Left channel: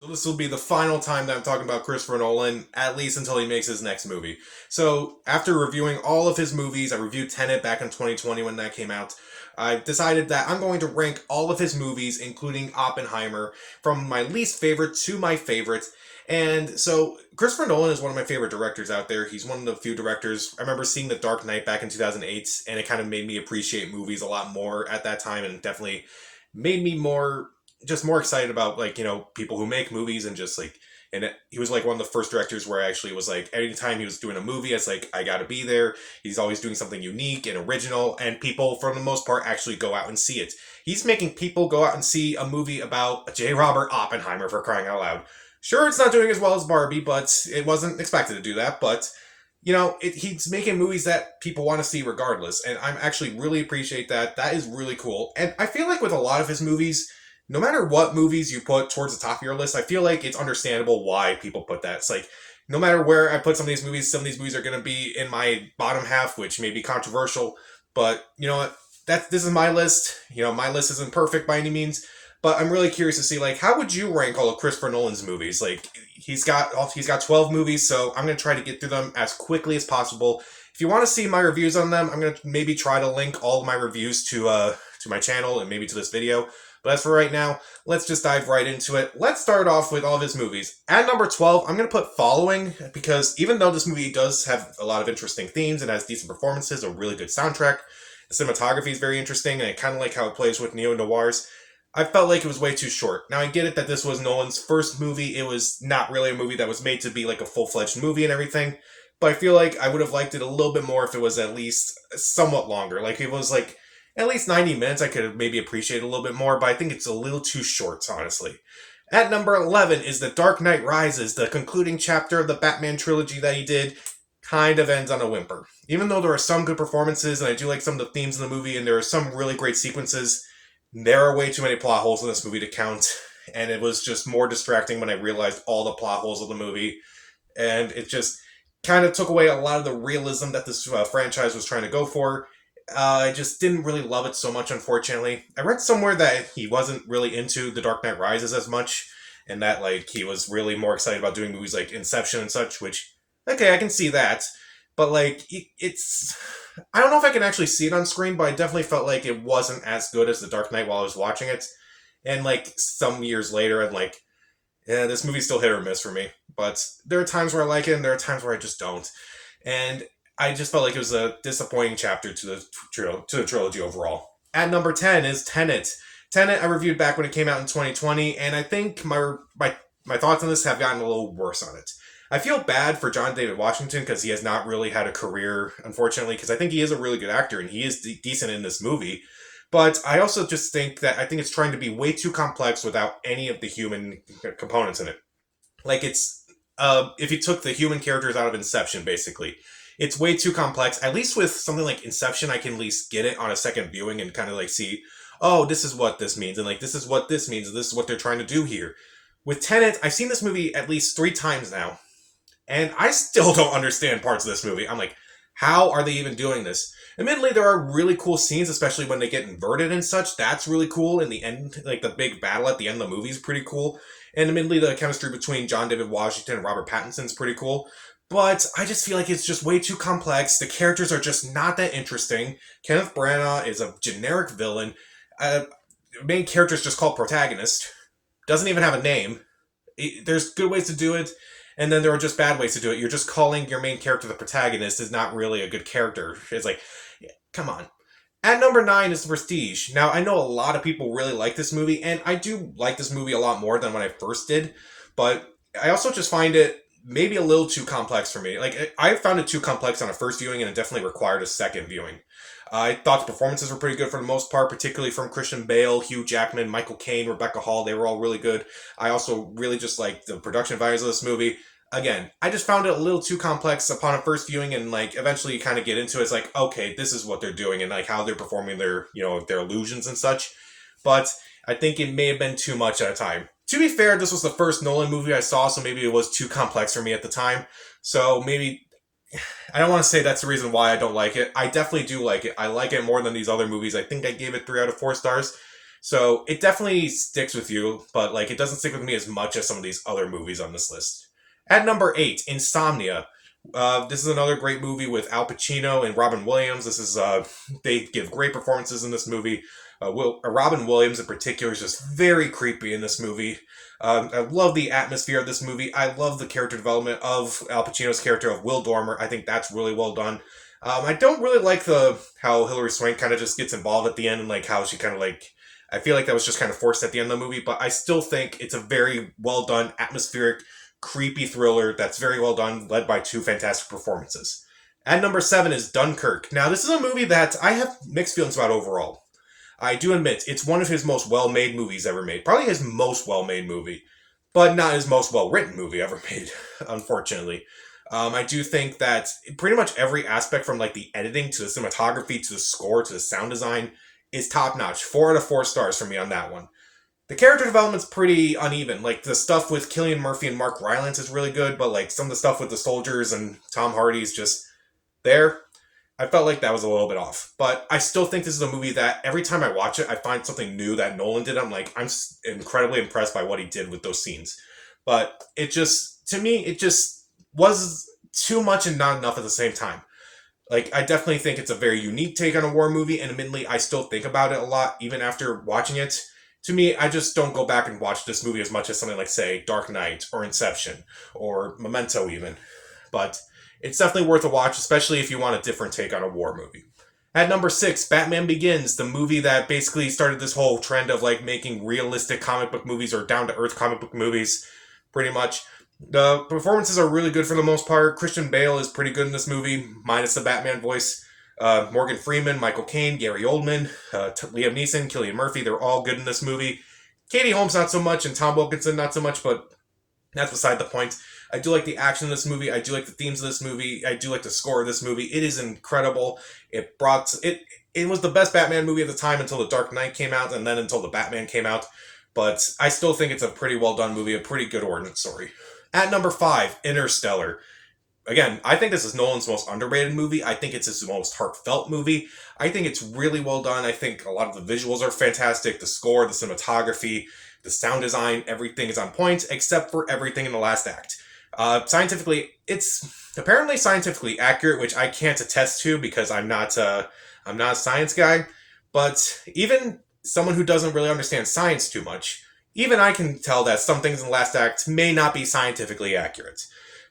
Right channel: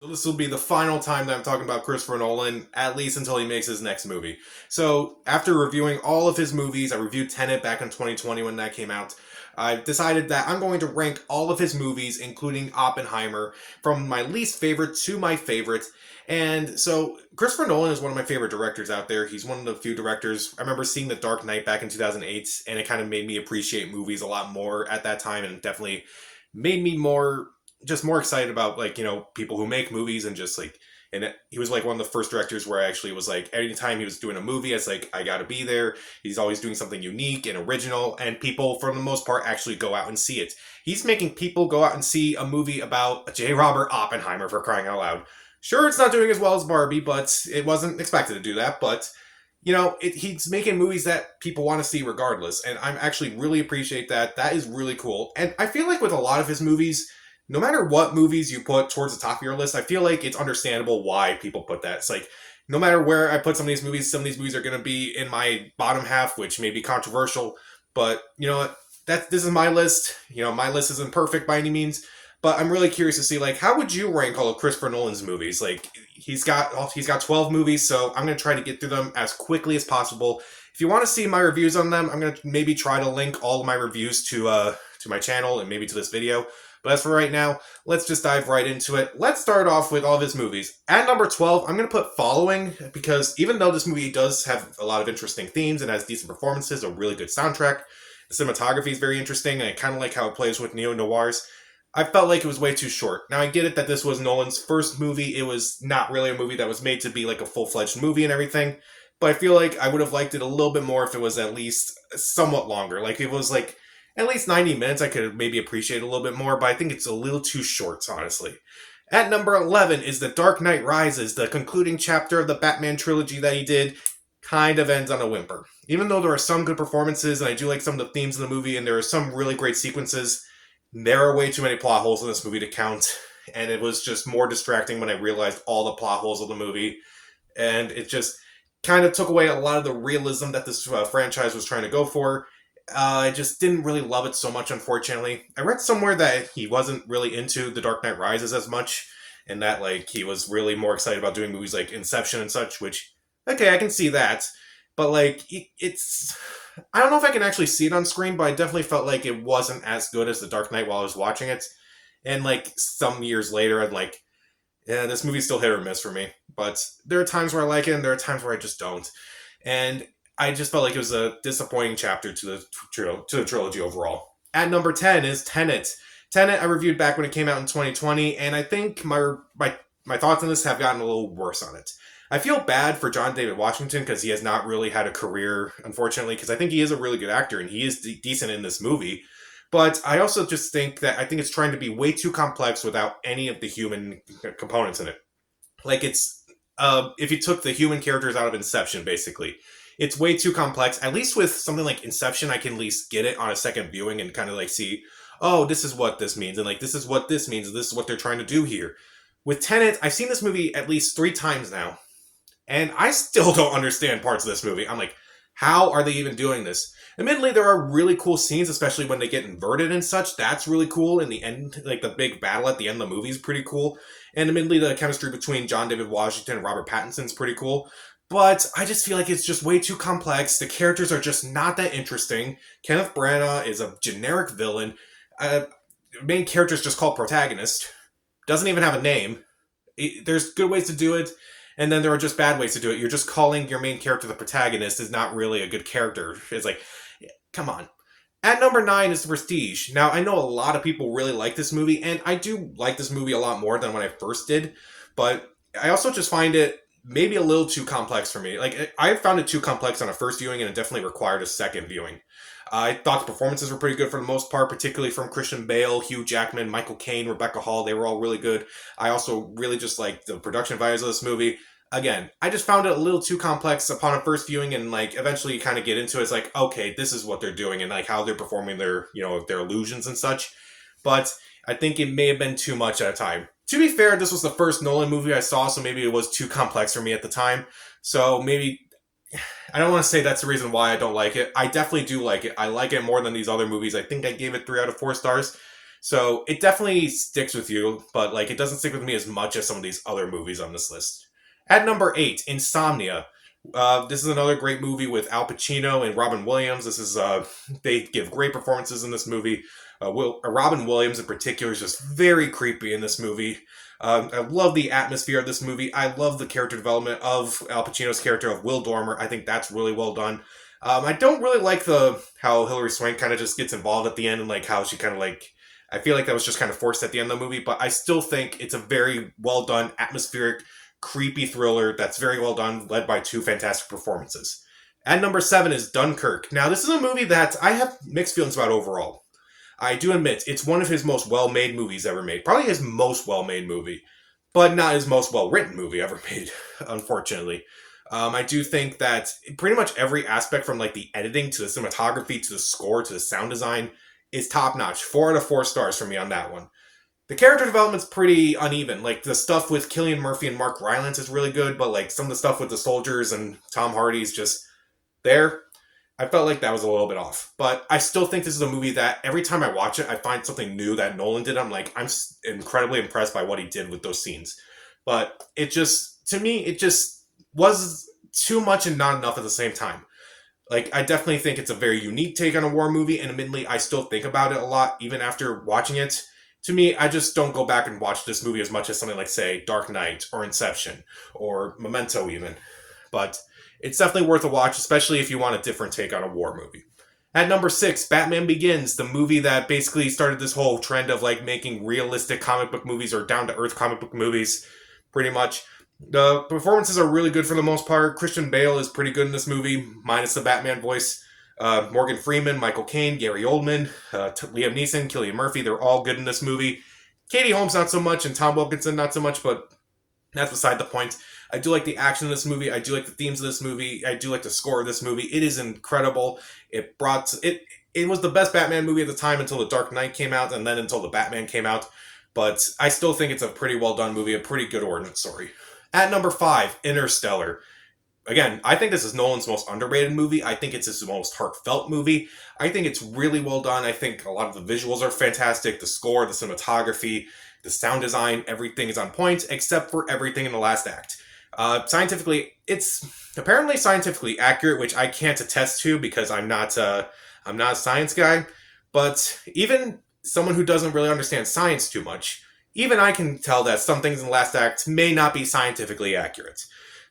So this will be the final time that I'm talking about Christopher Nolan, at least until he makes his next movie. So after reviewing all of his movies, I reviewed Tenet back in 2020 when that came out. I decided that I'm going to rank all of his movies, including Oppenheimer, from my least favorite to my favorite. And so Christopher Nolan is one of my favorite directors out there. He's one of the few directors. I remember seeing The Dark Knight back in 2008, and it kind of made me appreciate movies a lot more at that time, and definitely made me more excited about people who make movies and just like he was like one of the first directors where I actually was like anytime he was doing a movie it's like I gotta be there. He's always doing something unique and original, and people for the most part actually go out and see it. He's making people go out and see a movie about J. Robert Oppenheimer, for crying out loud. Sure, it's not doing as well as Barbie, but it wasn't expected to do that. But he's making movies that people want to see regardless, and I'm actually really appreciate that. That is really cool, and I feel like with a lot of his movies, no matter what movies you put towards the top of your list, I feel like it's understandable why people put that. It's like no matter where I put some of these movies are going to be in my bottom half, which may be controversial, but you know what? This is my list. My list isn't perfect by any means, but I'm really curious to see like how would you rank all of Christopher Nolan's movies? Like he's got 12 movies, so I'm going to try to get through them as quickly as possible. If you want to see my reviews on them, I'm going to maybe try to link all of my reviews to my channel and maybe to this video. But as for right now, let's just dive right into it. Let's start off with all of his movies. At number 12, I'm going to put Following, because even though this movie does have a lot of interesting themes and has decent performances, a really good soundtrack, the cinematography is very interesting, and I kind of like how it plays with neo-noirs, I felt like it was way too short. Now, I get it that this was Nolan's first movie. It was not really a movie that was made to be like a full-fledged movie and everything, but I feel like I would have liked it a little bit more if it was at least somewhat longer. Like, it was like at least 90 minutes, I could maybe appreciate a little bit more, but I think it's a little too short, honestly. At number 11 is The Dark Knight Rises, the concluding chapter of the Batman trilogy that he did. Kind of ends on a whimper. Even though there are some good performances, and I do like some of the themes in the movie, and there are some really great sequences, there are way too many plot holes in this movie to count, and it was just more distracting when I realized all the plot holes of the movie, and it just kind of took away a lot of the realism that this franchise was trying to go for. I just didn't really love it so much, unfortunately. I read somewhere that he wasn't really into The Dark Knight Rises as much, and that like he was really more excited about doing movies like Inception and such. Which, okay, I can see that, but like it's, I don't know if I can actually see it on screen, but I definitely felt like it wasn't as good as The Dark Knight while I was watching it. And like some years later, I'm like, yeah, this movie's still hit or miss for me. But there are times where I like it, and there are times where I just don't. And I just felt like it was a disappointing chapter to the trilogy overall. At number 10 is Tenet. Tenet I reviewed back when it came out in 2020, and I think my thoughts on this have gotten a little worse on it. I feel bad for John David Washington because he has not really had a career, unfortunately, because I think he is a really good actor and he is decent in this movie. But I also just think that I think it's trying to be way too complex without any of the human components in it. Like it's if you took the human characters out of Inception, basically, it's way too complex. At least with something like Inception, I can at least get it on a second viewing and kind of like see, oh, this is what this means, and like this is what this means, and this is what they're trying to do here. With Tenet, I've seen this movie at least 3 times now, and I still don't understand parts of this movie. I'm like, how are they even doing this? Admittedly, there are really cool scenes, especially when they get inverted and such. That's really cool. In the end, like the big battle at the end of the movie is pretty cool. And admittedly, the chemistry between John David Washington and Robert Pattinson is pretty cool. But I just feel like it's just way too complex. The characters are just not that interesting. Kenneth Branagh is a generic villain. Main character is just called protagonist. Doesn't even have a name. There's good ways to do it, and then there are just bad ways to do it. You're just calling your main character the protagonist is not really a good character. It's like, come on. At number 9 is The Prestige. Now, I know a lot of people really like this movie, and I do like this movie a lot more than when I first did, but I also just find it maybe a little too complex for me. Like, I found it too complex on a first viewing, and it definitely required a second viewing. I thought the performances were pretty good for the most part, particularly from Christian Bale, Hugh Jackman, Michael Caine, Rebecca Hall. They were all really good. I also really just liked the production values of this movie. Again, I just found it a little too complex upon a first viewing, and like eventually you kind of get into it. It's like, okay, this is what they're doing and like how they're performing their, their illusions and such. But I think it may have been too much at a time. To be fair, this was the first Nolan movie I saw, so maybe it was too complex for me at the time. So maybe I don't want to say that's the reason why I don't like it. I definitely do like it. I like it more than these other movies. I think I gave it 3 out of 4 stars. So it definitely sticks with you, but like it doesn't stick with me as much as some of these other movies on this list. At number 8, Insomnia. This is another great movie with Al Pacino and Robin Williams. They give great performances in this movie. Robin Williams in particular is just very creepy in this movie. I love the atmosphere of this movie. I love the character development of Al Pacino's character of Will Dormer. I think that's really well done. I don't really like the how Hilary Swank kind of just gets involved at the end and like how she kind of like I feel like that was just kind of forced at the end of the movie, but I still think it's a very well done, atmospheric, creepy thriller that's very well done, led by two fantastic performances. At number 7 is Dunkirk. Now, this is a movie that I have mixed feelings about overall. I do admit it's one of his most well made movies ever made. Probably his most well made movie, but not his most well written movie ever made, unfortunately. I do think that pretty much every aspect from like the editing to the cinematography to the score to the sound design is top notch. 4 out of 4 stars for me on that one. The character development's pretty uneven. Like the stuff with Cillian Murphy and Mark Rylance is really good, but like some of the stuff with the soldiers and Tom Hardy's just there. I felt like that was a little bit off. But I still think this is a movie that every time I watch it, I find something new that Nolan did. I'm incredibly impressed by what he did with those scenes. But to me, it just was too much and not enough at the same time. Like, I definitely think it's a very unique take on a war movie, and admittedly, I still think about it a lot, even after watching it. To me, I just don't go back and watch this movie as much as something like, say, Dark Knight, or Inception, or Memento even. But it's definitely worth a watch, especially if you want a different take on a war movie. At number 6, Batman Begins, the movie that basically started this whole trend of, like, making realistic comic book movies, or down-to-earth comic book movies, pretty much. The performances are really good for the most part. Christian Bale is pretty good in this movie, minus the Batman voice. Morgan Freeman, Michael Caine, Gary Oldman, Liam Neeson, Cillian Murphy, they're all good in this movie. Katie Holmes not so much, and Tom Wilkinson not so much, but that's beside the point. I do like the action in this movie. I do like the themes of this movie. I do like the score of this movie. It is incredible. It was the best Batman movie at the time until The Dark Knight came out, and then until The Batman came out. But I still think it's a pretty well done movie, a pretty good ordnance story. At number 5, Interstellar. Again, I think this is Nolan's most underrated movie. I think it's his most heartfelt movie. I think it's really well done. I think a lot of the visuals are fantastic. The score, the cinematography, the sound design, everything is on point, except for everything in the last act. It's apparently scientifically accurate, which I can't attest to because I'm not a science guy. But even someone who doesn't really understand science too much, even I can tell that some things in the last act may not be scientifically accurate.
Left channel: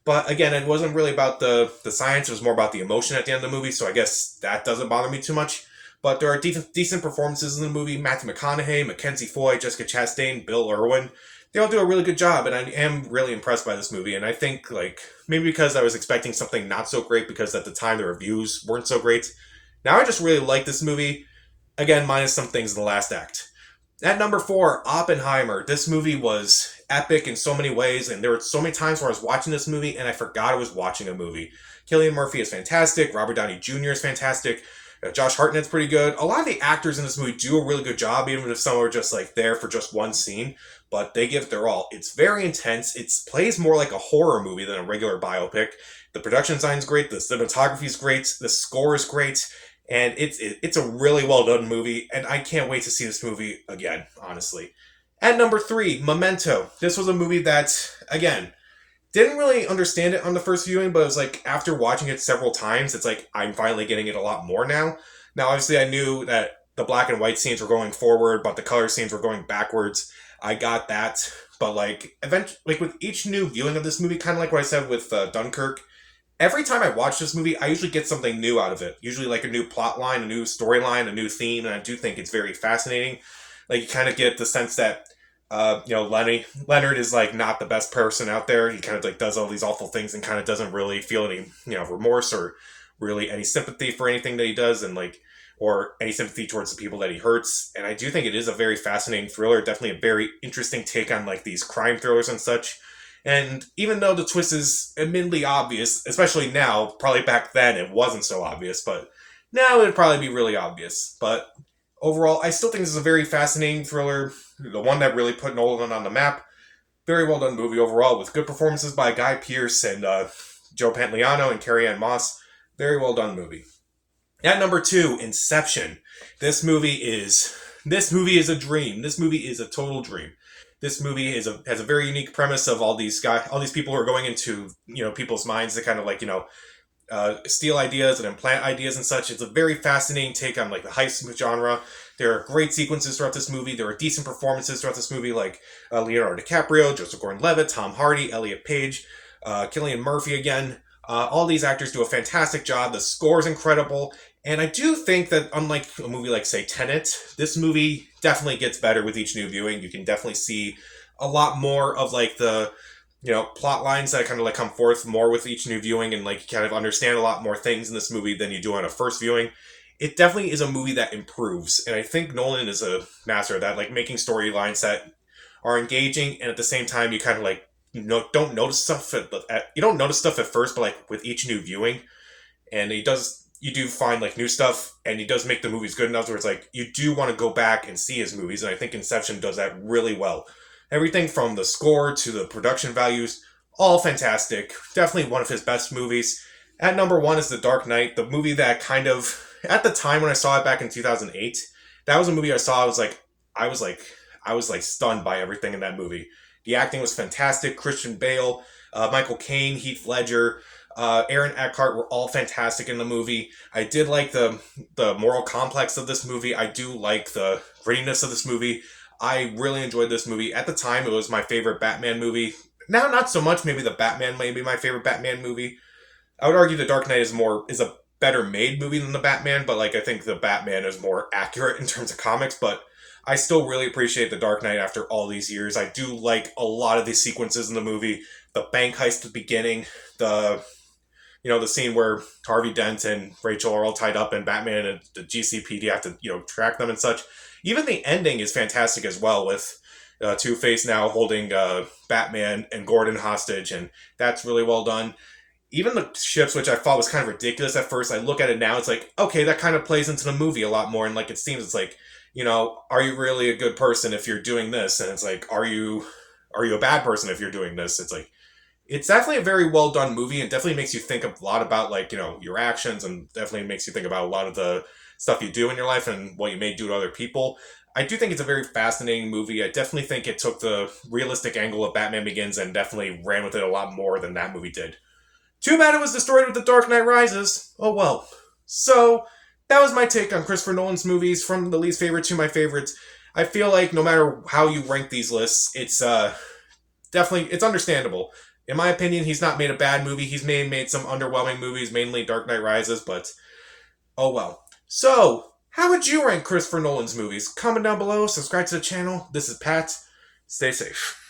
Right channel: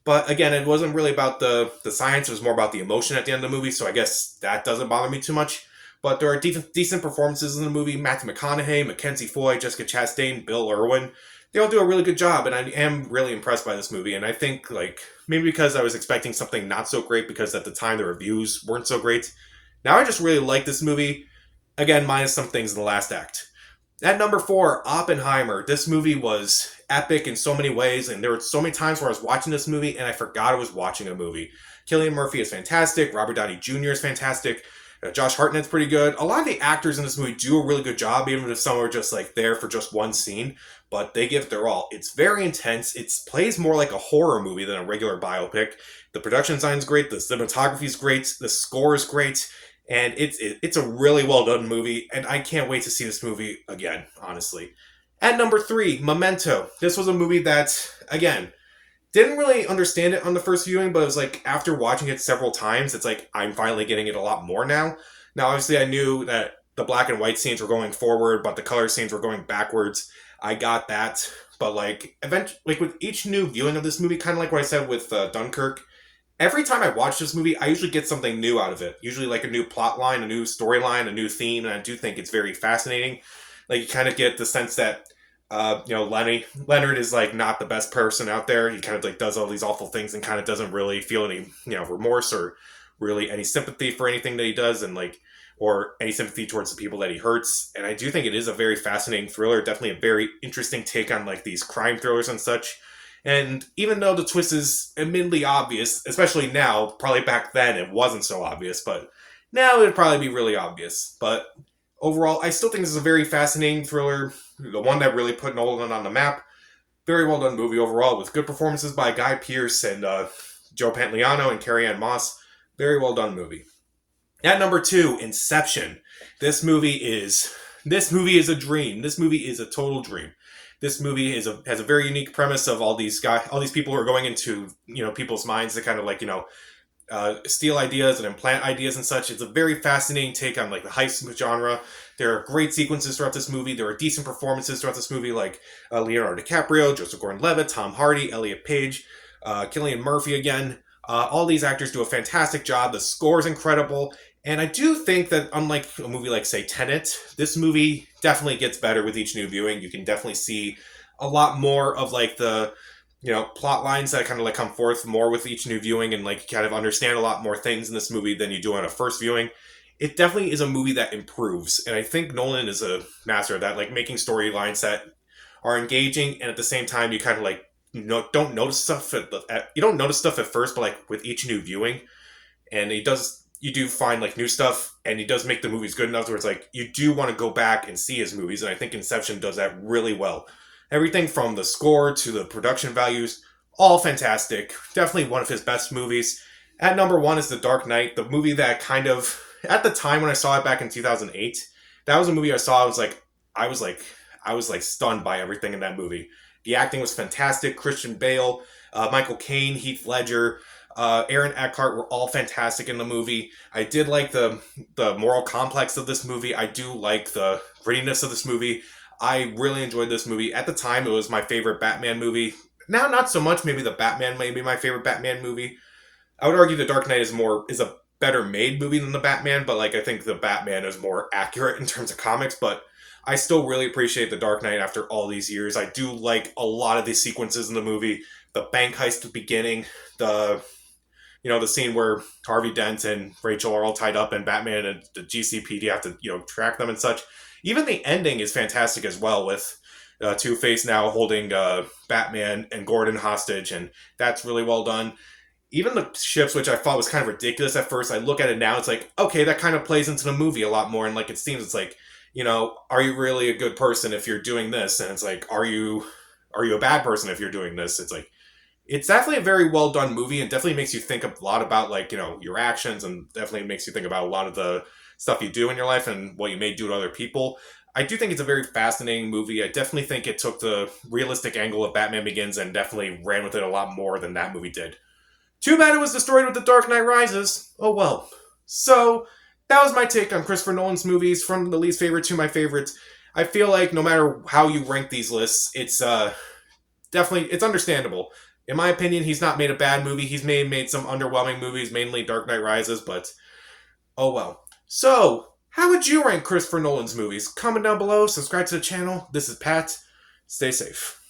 But again, it wasn't really about the science, it was more about the emotion at the end of the movie, so I guess that doesn't bother me too much. But there are decent performances in the movie. Matthew McConaughey, Mackenzie Foy, Jessica Chastain, Bill Irwin. They all do a really good job, and I am really impressed by this movie. And I think, like, maybe because I was expecting something not so great because at the time the reviews weren't so great. Now I just really like this movie. Again, minus some things in the last act. At number 4, Oppenheimer. This movie was epic in so many ways, and there were so many times where I was watching this movie and I forgot I was watching a movie. Cillian Murphy is fantastic. Robert Downey Jr. is fantastic. Josh Hartnett's pretty good. A lot of the actors in this movie do a really good job, even if some are just like there for just one scene, but they give it their all. It's very intense. It plays more like a horror movie than a regular biopic. The production design is great. The cinematography is great. The score is great. And it's a really well done movie, and I can't wait to see this movie again, honestly. At number 3, Memento. This was a movie that, again, didn't really understand it on the first viewing, but it was like after watching it several times, it's like I'm finally getting it a lot more now. Now, obviously, I knew that the black and white scenes were going forward, but the color scenes were going backwards. I got that, but like eventually, like with each new viewing of this movie, kind of like what I said with Dunkirk. Every time I watch this movie, I usually get something new out of it. Usually like a new plot line, a new storyline, a new theme, and I do think it's very fascinating. Like you kind of get the sense that, Leonard is like not the best person out there. He kind of like does all these awful things and kind of doesn't really feel any, remorse or really any sympathy for anything that he does and like, or any sympathy towards the people that he hurts. And I do think it is a very fascinating thriller, definitely a very interesting take on like these crime thrillers and such. And even though the twist is admittedly obvious, especially now, probably back then it wasn't so obvious, but now it would probably be really obvious. But overall, I still think this is a very fascinating thriller, the one that really put Nolan on the map. Very well done movie overall, with good performances by Guy Pearce and Joe Pantoliano and Carrie-Anne Moss. Very well done movie. At number 2, Inception. This movie is This movie is a dream. This movie is a total dream. This movie has a very unique premise of all these people who are going into people's minds to kind of like steal ideas and implant ideas and such. It's a very fascinating take on like the heist genre. There are great sequences throughout this movie. There are decent performances throughout this movie, like Leonardo DiCaprio, Joseph Gordon-Levitt, Tom Hardy, Elliot Page, Cillian Murphy again. All these actors do a fantastic job. The score is incredible. And I do think that, unlike a movie like, say, Tenet, this movie definitely gets better with each new viewing. You can definitely see a lot more of like the plot lines that kind of like come forth more with each new viewing, and like kind of understand a lot more things in this movie than you do on a first viewing. It definitely is a movie that improves, and I think Nolan is a master of that, like making storylines that are engaging, and at the same time you kind of like don't notice stuff you don't notice stuff at first, but like with each new viewing, and you do find like new stuff, and he does make the movies good enough where it's like you do want to go back and see his movies, and I think Inception does that really well. Everything from the score to the production values, all fantastic. Definitely one of his best movies. At number one is The Dark Knight, the movie that kind of, at the time when I saw it back in 2008, that was a movie I saw. I was like, I was like stunned by everything in that movie. The acting was fantastic. Christian Bale, Michael Caine, Heath Ledger, Aaron Eckhart were all fantastic in the movie. I did like the moral complex of this movie. I do like the grittiness of this movie. I really enjoyed this movie. At the time, it was my favorite Batman movie. Now, not so much. Maybe the Batman may be my favorite Batman movie. I would argue The Dark Knight is a better made movie than the Batman, but like I think the Batman is more accurate in terms of comics. But I still really appreciate The Dark Knight after all these years. I do like a lot of these sequences in the movie. The bank heist at the beginning, the the scene where Harvey Dent and Rachel are all tied up, and Batman and the GCPD have to track them and such. Even the ending is fantastic as well, with Two-Face now holding Batman and Gordon hostage, and that's really well done. Even the ships, which I thought was kind of ridiculous at first, I look at it now, it's like, okay, that kind of plays into the movie a lot more, and like it seems it's like, are you really a good person if you're doing this? And it's like, are you a bad person if you're doing this? It's like, it's definitely a very well done movie, and definitely makes you think a lot about like your actions, and definitely makes you think about a lot of the stuff you do in your life and what you may do to other people. I do think it's a very fascinating movie. I definitely think it took the realistic angle of Batman Begins and definitely ran with it a lot more than that movie did. Too bad it was destroyed with The Dark Knight Rises. Oh well. So that was my take on Christopher Nolan's movies, from the least favorite to my favorites. I feel like no matter how you rank these lists, it's definitely, it's understandable. In my opinion, he's not made a bad movie. He's made some underwhelming movies, mainly Dark Knight Rises, but oh well. So, how would you rank Christopher Nolan's movies? Comment down below, subscribe to the channel. This is Pat. Stay safe.